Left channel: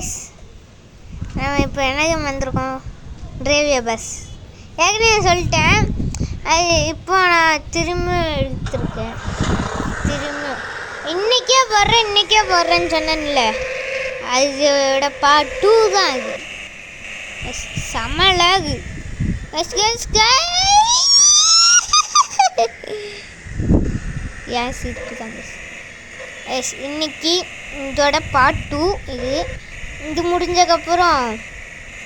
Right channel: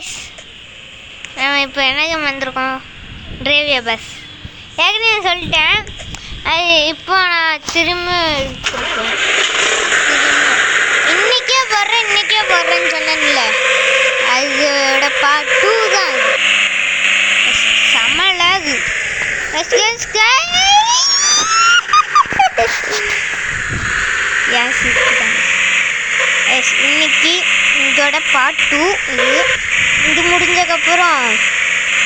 Guys, நம்ம இப்போ என்ன வந்திருக்கோம்? டிரைவியா பஸ். ஏற்கனவே சொல்லிட்டேன், அது இப்போ நான் திரும்ப எடுத்துருக்கேன். இன்றைக்கே போடுறேன்னு சொன்னேன்ல, அதோட பார்ட் 2 தான் இது. செம்மல அது. இன்னைக்கு இதோட பார்ட் 2 இது முடிஞ்சதுக்கப்புறம்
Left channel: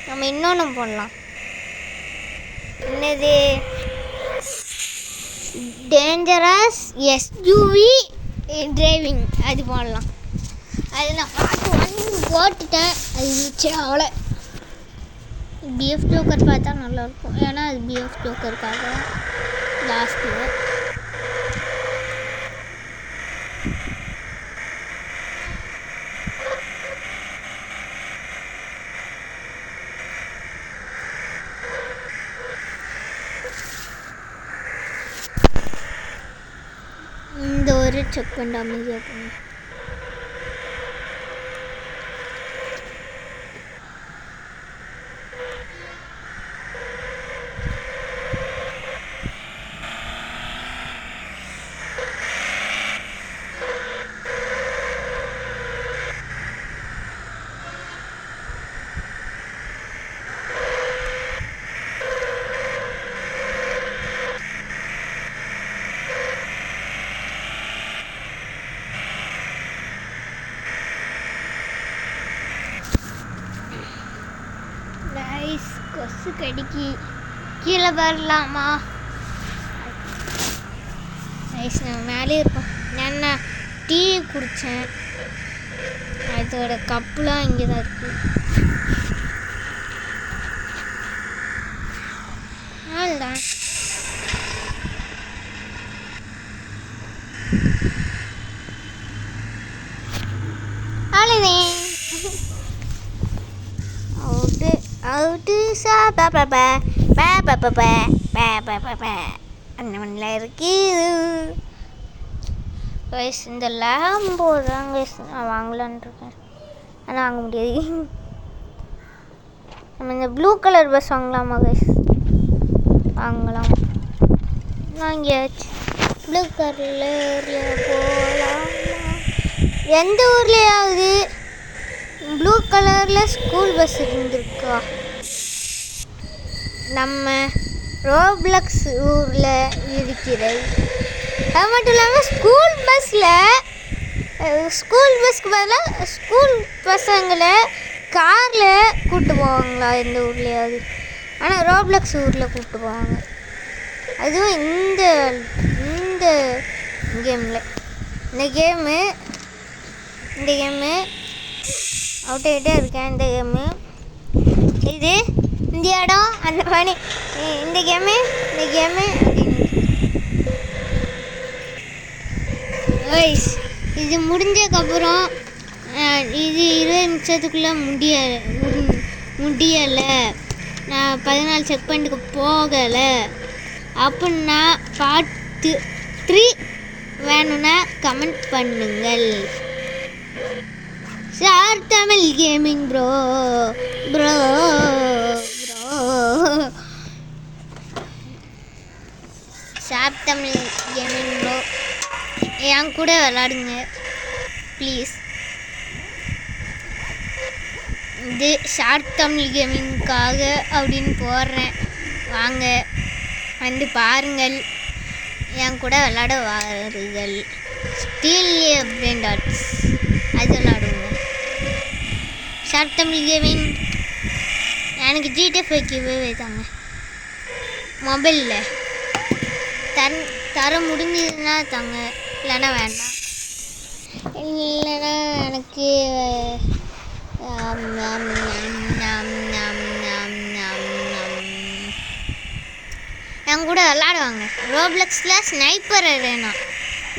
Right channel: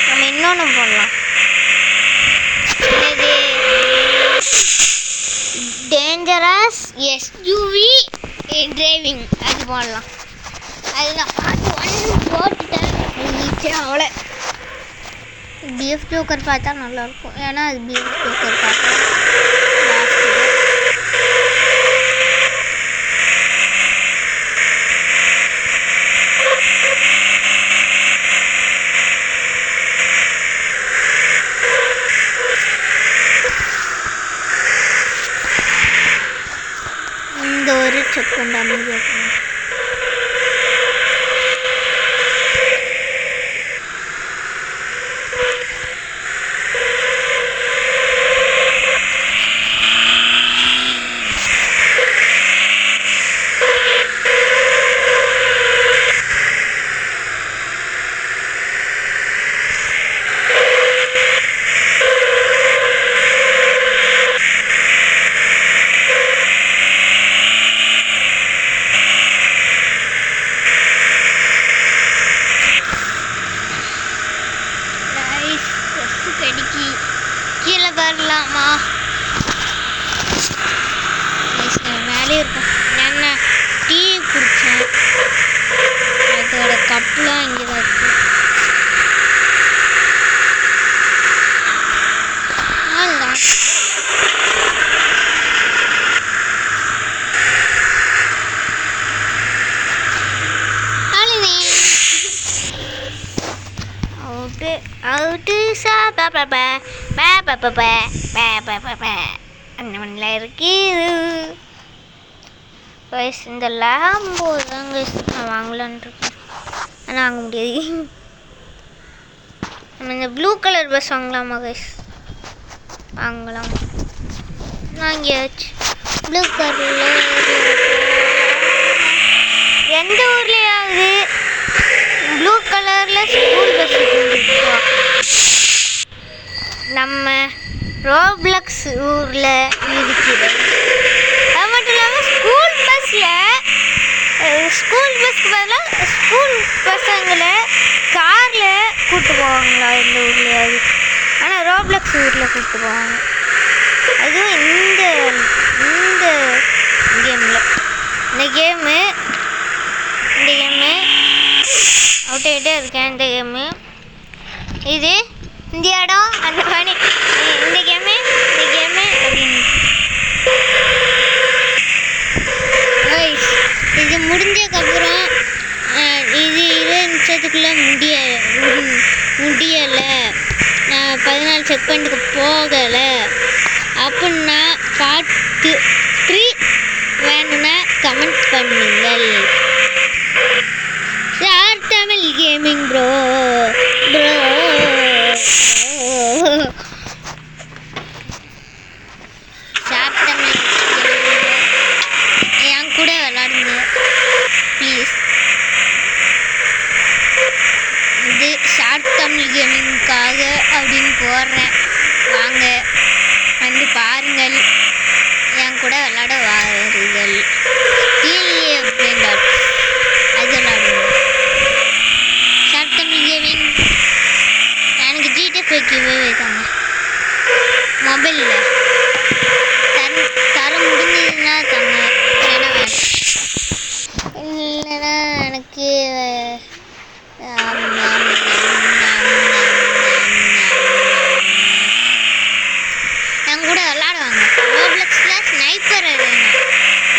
நம்ம இன்னொன்று போடலாம். என்னது? டேஞ்சரஸ் எஸ்யூவி டிரைவிங், அது போடலாம். அதில் நான் பார்ட் 1 போட்டுட்டேன், அது ரீச்சே அவ்வளோ. பிஎஃப் ஜோக்கர் பார்த்தா நல்லாயிருக்கும், ஏன்னா அது பிஎஃப் ஜோக்கருக்காக லாஸ்ட்டு. இந்த ஒரு செகண்ட் அமைதியாக இருக்கணும். கடிக்கி கீழே வரலாமா? மேலே இருக்கும். நான் டீ குடித்தேன், அதோட கப்புலாம் இங்கே தான் இருக்கு. அதுதான் அவுட்டு சா அந்த மண்ணில் இருக்குது. கைஸ், இந்த லேம்போ தான் கைஸ் நான் வாங்கலான் இருக்கேன், ஆனால் வாங்க முடியாது. நம்ம இந்த ப்ளூ கலர் பஸ் வாங்கலாமா கைஸ்? வாங்கலாம். வாங்கியாச்சு. ப்ளூ கலரில் போகலாம். எந்த ஊர்லேயாவது ப்ளூ கலரில் ஸ்கூல் பஸ் இருந்துருக்கா? நம்ம ரோப்ளக்ஸ் ஊரில் இருக்கிறது. அது மட்டும் இல்லாமல் ஸ்கூல் பஸ்க்கு பதிலாக ஸ்கூல் பசங்களை காரில் கூப்பிட்டு போவாங்களா இந்த ஊர்லேயாவது? ஆனால் ரோப்ளக்ஸ் ஊரில் கூப்பிட்டு போவாங்க. அதுவும் இந்த கேமில். இந்த கேமு அவுட் ஆகிட்டே இருக்கேன். இந்த கேமு இது இந்த இடம் அந்த மாதிரி இந்த கேமு இது முடிஞ்சதுக்கப்புறம் இது 20 நிமிஷத்துக்குள்ளே முடியலை, நான் 14 செகண்டுக்கு போகலை அப்படின்னா பார்ட் 3 வேணும்னா கமெண்ட் பண்ணுங்கள். Sir Tamil gaming bro sir Tamil gaming bro என் கூட விளாடுங்க ப்ளீஸ். இது ஷார்ட் தமிழ் கேமிங்காக அப்படின்னு போடுறேன், வாங்க வந்து பாருங்கள், என் கூட விளாட வாருங்கள். அது விளாடுவோம். ஷார்ட் தமிழ் கேமிங் எனக்கு ஜிடிஎஃப்ஐக்கு வைத்தாங்க மொபைலில் தர முடிஞ்சதுன்னா தாங்க, இல்லைன்னா வேண்டாம். இல்லைன்னா எனக்கு என் கூட விளாடுவாங்க. ரோப்ளக்ஸில் ஸ்னைப்பர் வேணும்,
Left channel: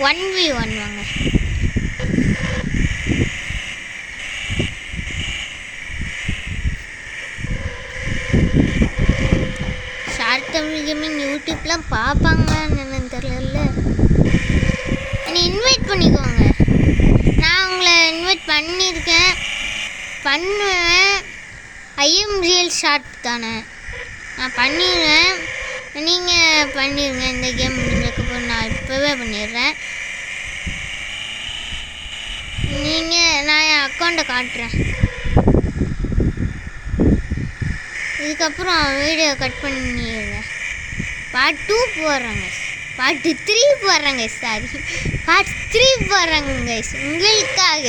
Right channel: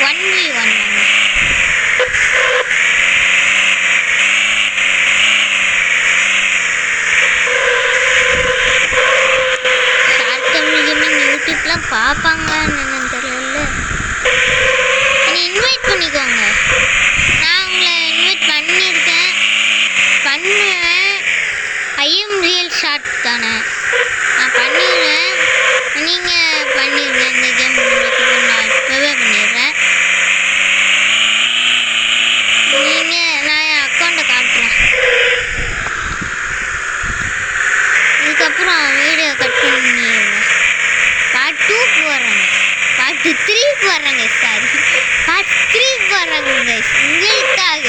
1v1 வாங்க. ஷார்ட் தமிழ் கேமிங் யூடியூப்லாம் பார்ப்பாங்கன்னு என்னன்னு தெரியல. என்னை இன்வைட் பண்ணிக்கோங்க, நான் உங்களை இன்வைட் பண்ணியிருக்கேன். பண்ணுவேன். ஐஎம் ரியல் ஷார்ட் தானே, நான் பண்ணிடுவேன். நீங்கள் பண்ணிடுங்க. இந்த கேம் நான் இப்போவே பண்ணிடுறேன். நான் என் அக்கௌண்ட்டை காட்டுறேன். இதுக்கப்புறம் வீடியோ கட் பண்ணிடுவேன். பார்ட் 2 போடுறேங்க, பார்ட் 3 போடுறேங்க, சாரி பார்ட் 3 போடுறேங்க உங்களுக்காக,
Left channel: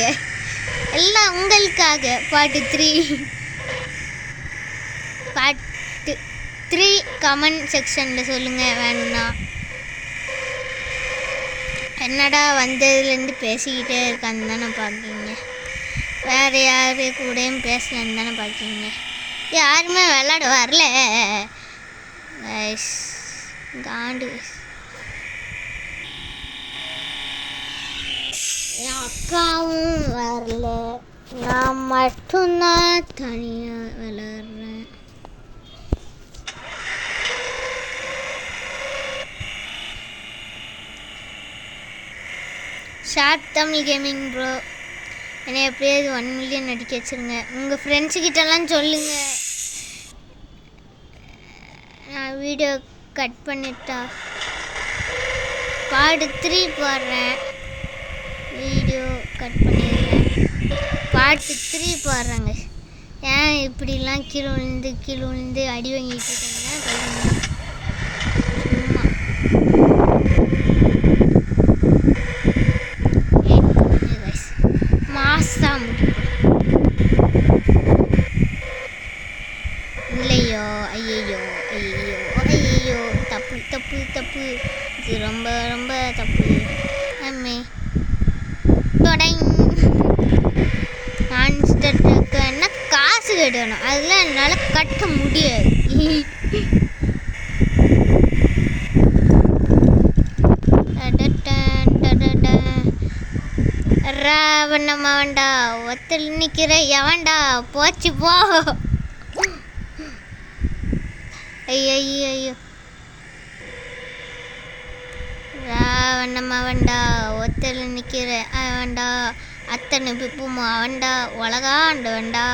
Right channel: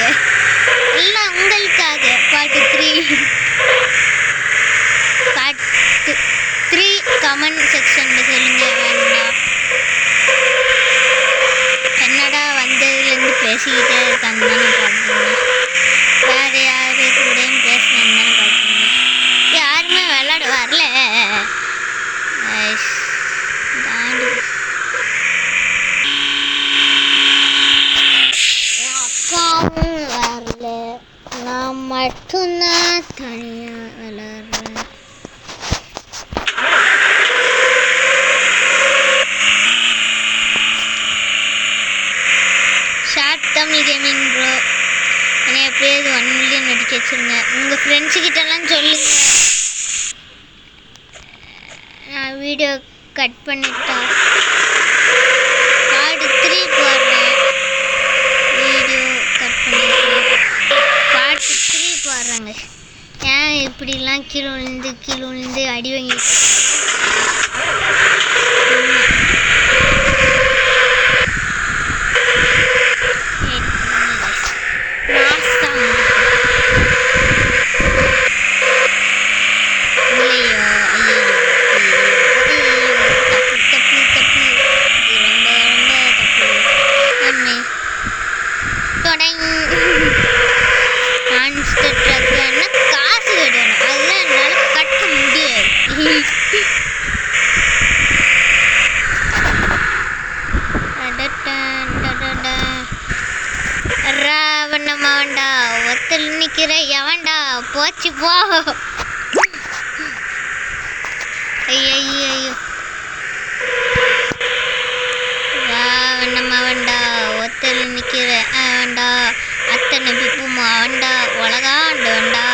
எல்லாம் உங்களுக்காக. பார்ட் 3 கமெண்ட் செக்ஷனில் சொல்லுங்கள். வேண்டாம் என்னடா வந்ததுலேருந்து பேசிக்கிட்டே இருக்கான்னு தானே பார்க்குறீங்க, வேறு யாரு கூடயும் பேசலன்னு தானே பார்க்குறீங்க. யாருமே விளாட வரல. தாண்டு என் அக்காவும் வரல, நான் மட்டும்தான் தனியாக விளாட்றேன். ஷார்ட் தமிழ் கேமிங் ப்ரோ, என்னை எப்படியாவது 1 மில்லியன் அடிக்க வச்சுருங்க. உங்கள் ஃப்ரெண்ட்ஸுக்கிட்டலாம் சொல்லுங்கள். நான் வீடியோ கட் பண்ணிட்டா பார்ட் 3 போடுறேன். வீடியோ கட் பண்ணிடுறேன். பார்ட் 3 போடுறாங்க. ஏன் இப்படிலாம் கீழே விழுந்து அடி வாங்கிட்டு இல்லையோ? ஐயோ தப்பு, ரொம்ப ரொம்ப தப்பு. மான்ஸ்டர் ட்ரக்குன்னா காசு கட்டணும், அதெல்லாம் என்னால் கட்ட முடியாது. ராவணமாவண்டா ஒத்தல் நிற்கிற எவன்டா போச்சு போ. ஐயோ ராவணமாவண்டா ஒத்தல் நிற்கிற அவன்டா, அத்தனை பிப்புமா அவன்டா, உலகாண்டு வேண்டா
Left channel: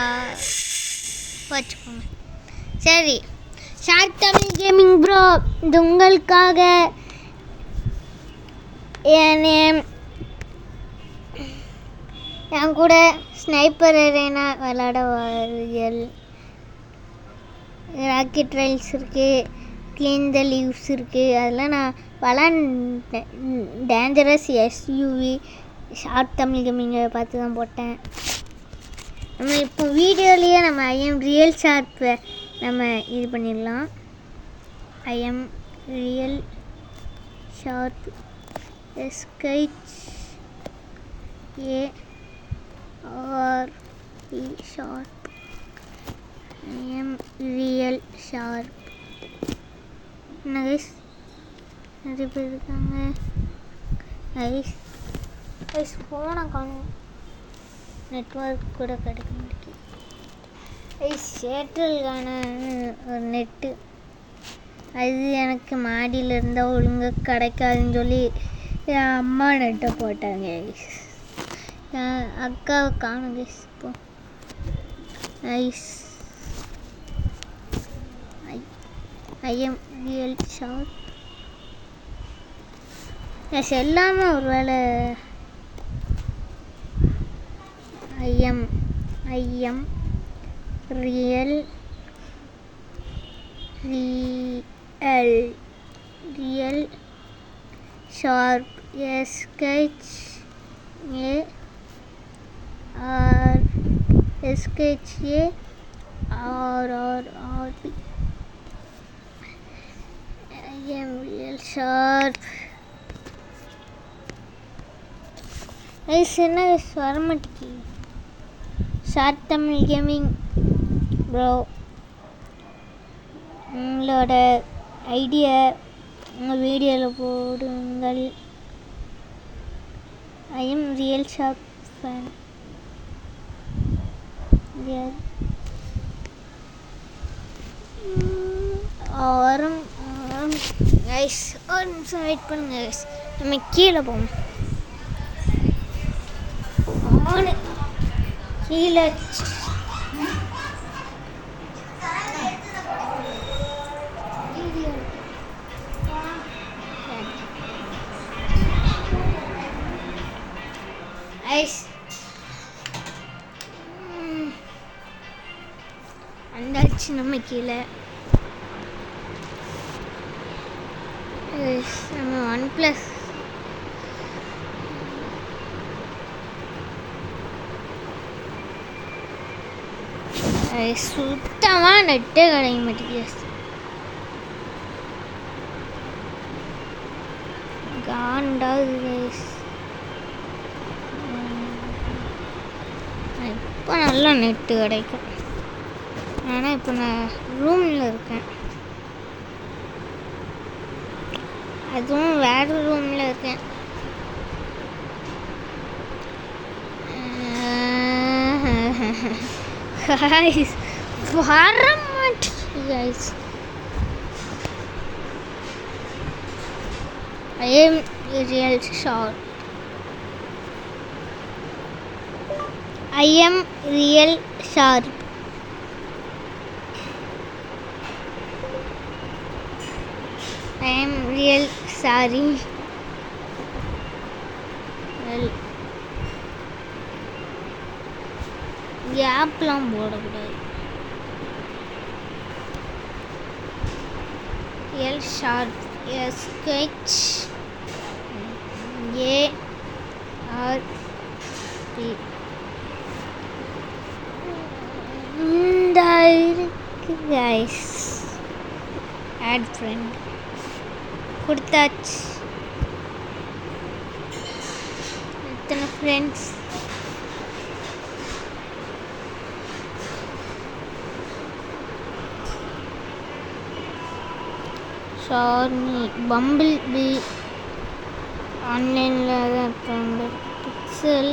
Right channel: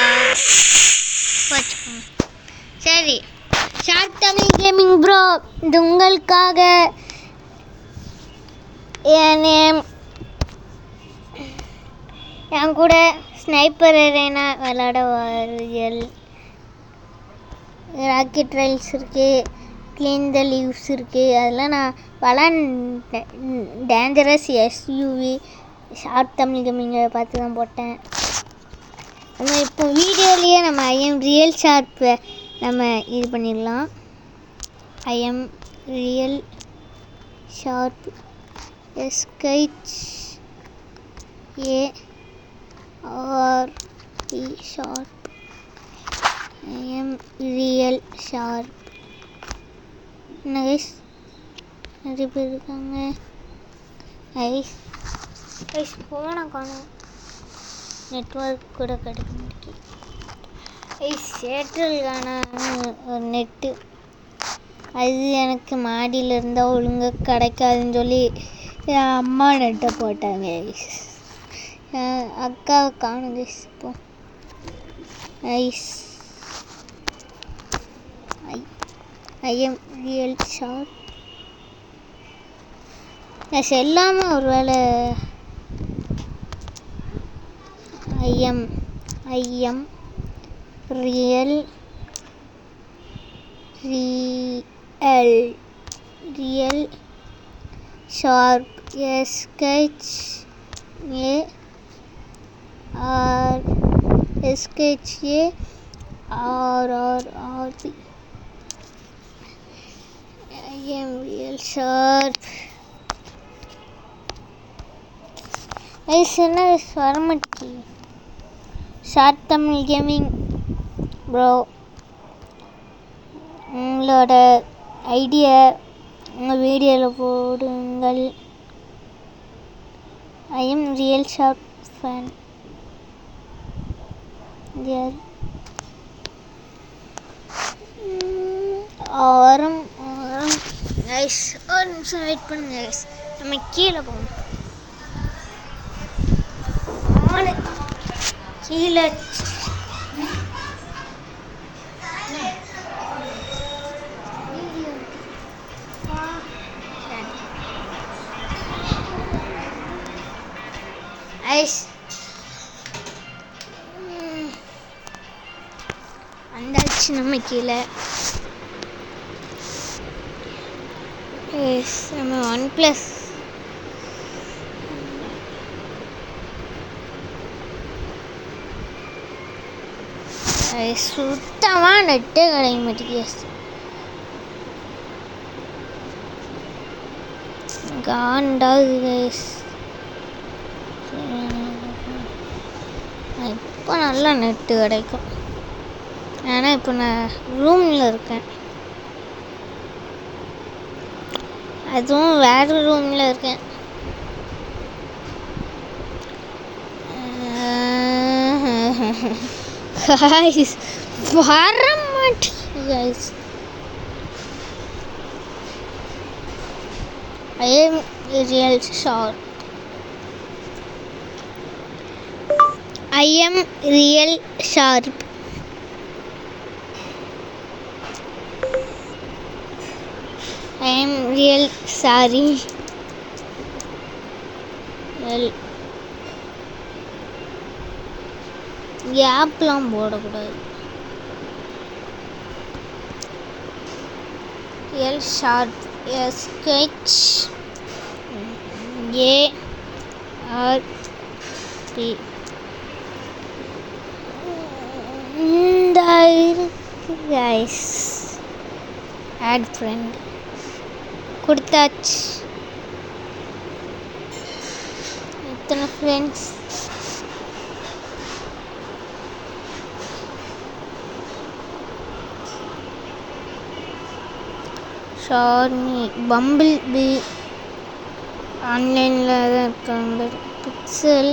போச்சுக்கோங்க. சரி, ஷார்ட் தமிழ் கேமிங் ப்ரோ, இது உங்களுக்காக. என் நேம், என் கூட ஸ்னைப்பர் அரேனா விளாட வாருங்கள். ராக்கெட் ரைல்ஸ் இருக்குது, க்ளீன் த லீவ்ஸ் இருக்குது, அதெல்லாம் நான் விளாண்டேன். டேஞ்சரஸ் எஸ்யூவி ஷார்ட் தமிழ் கேமிங்கை பார்த்து தான் போட்டேன். நம்ம இப்போ வீடியோலேயே நம்ம ஐஎம் ரியல் ஷார்ப்பை நம்ம இது பண்ணிடலாம். ஐஎம் ரியல் ஷார்ப் எஸ்கெச் ARE sharp. I'm real sharp. என்ன கைஸ், நிறைய பேர் இருக்காங்க. ஐஸ் ஃபோனை காணும், நெட்ஒர்க் கூட கிடைக்க முடியும். ஏர்டெல்கான ஒரு நெட்டு, அது எனக்கு மாடியில் இருந்தால் ஒழுங்காக கிடைக்காதுன்னு சொல்லி என் அம்மா நெட்டை போட்டாங்க. என் அக்காவை காணும் கைஸ். இப்போ ஐஎம் ரியல் ஷார்ப் எல்லாமே ஒரு வேளை I'm real sharp SKETCH ARRRB. I'm real sharp. என்ன வரமாட்டி ஷார்ட் தமிழ் கேமிங் ப்ரோ, உங்களோட ஐடியா உங்கள் வீடியோவில் போடுங்கள். I'm real sharp fan. வரும் கைஸ், ஒரு நிமிஷம் வெயிட் பண்ணுங்க கைஸ். நம்ம கீழே போகணும். கீழே ஐஸ் வந்தாச்சு நம்ம கீழே. நம்ம OnePlus சுத்தமாக நெட்டே கிடைக்க மாட்டேங்குது. காண்டாகுது கைஸ். இப்போ நல்லா நெட்டு கிடைக்கும். ஏன்னா இப்போ நான் ரூமில் இருக்கேன், அதுவும் வேறு ரூமில் இருக்கேன். கைஸ் வர மாட்டேங்குது guys. I am real sharp. I am real sharp. I am real sorry. Well, கேப்லாம் போடக்கூடாது. real sharp. sketch ARP guys. add friend கொடுத்தாச்சு. இத்தனை ஃப்ரெண்ட்ஸ். ஷார்னி, பம்பிள் பி ஆன்லைனில் தான் இருக்காங்க. Pixel,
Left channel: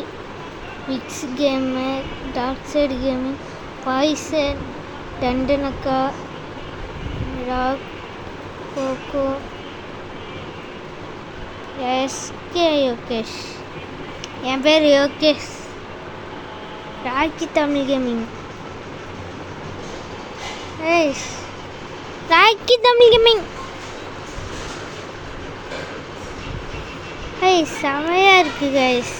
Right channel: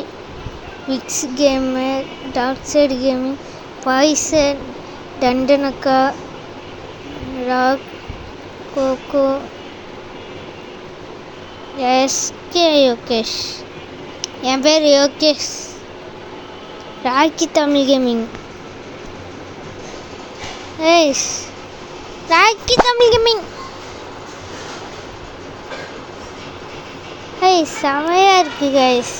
Vicks gamer, dark side gaming, poison, Dandanakka, rock, coco, SK Yogesh. என் பேர் Yogesh. Rocky Tamil gaming. Rocky Tamil gaming. செமையாக இருக்குது கைஸ்.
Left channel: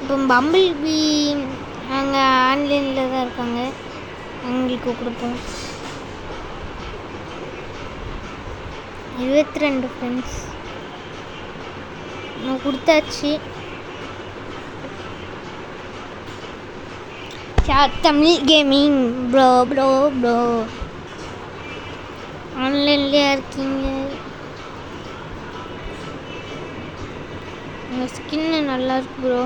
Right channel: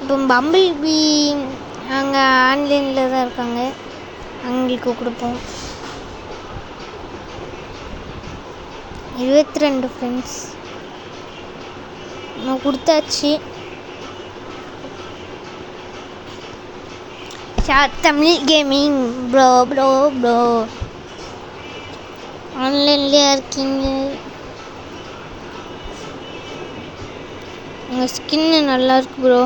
இப்போ பம்பிள் பி அங்கே ஆன்லைனில் தான் இருக்காங்க, அவங்களுக்கு கொடுப்போம். 22 ஃப்ரெண்ட்ஸ் நம்ம கொடுத்தாச்சு. Tamil gaming bro bro bro ஆன்லைன்லேயே இருக்கீங்க. உங்கள் ஸ்கின்னு நல்லா இருக்கு ப்ரோ.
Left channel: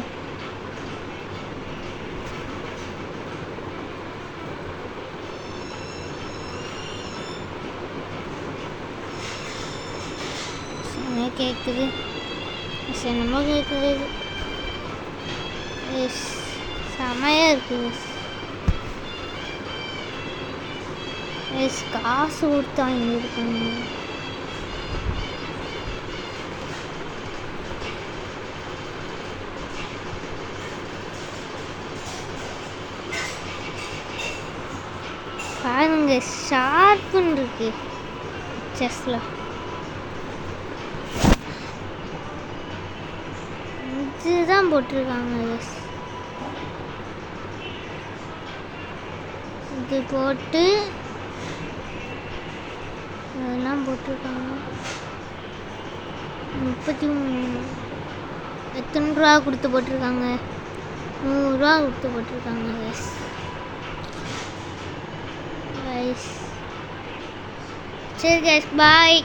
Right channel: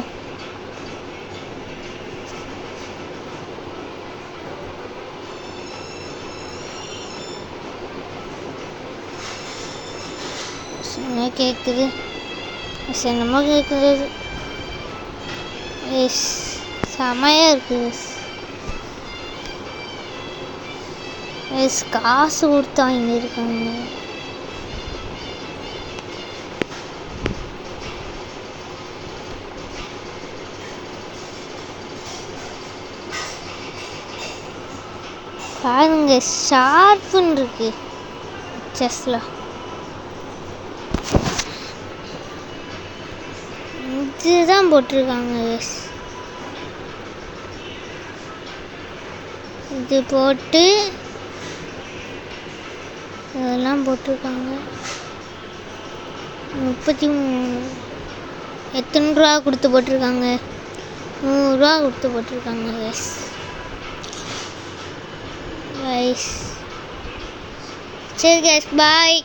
என்ன கேட்குது? என்னமோ கேட்குது. செமையாக இருக்குது. காசு கொடுத்து வாங்கியிருக்காங்க. பாருங்க ஷார்ப்புன்னு இருக்கு செஸ்ல. இதுதான் போட்டிருக்காங்க. இது போட்டு இதெல்லாம் போட்டிருக்காங்க. 33 எத்தனை ரூபா கொடுத்து போட்டிருக்காங்க? 100 ரூபா கொடுத்து போட்டிருக்காங்க. சரி கைஸ், பாய்.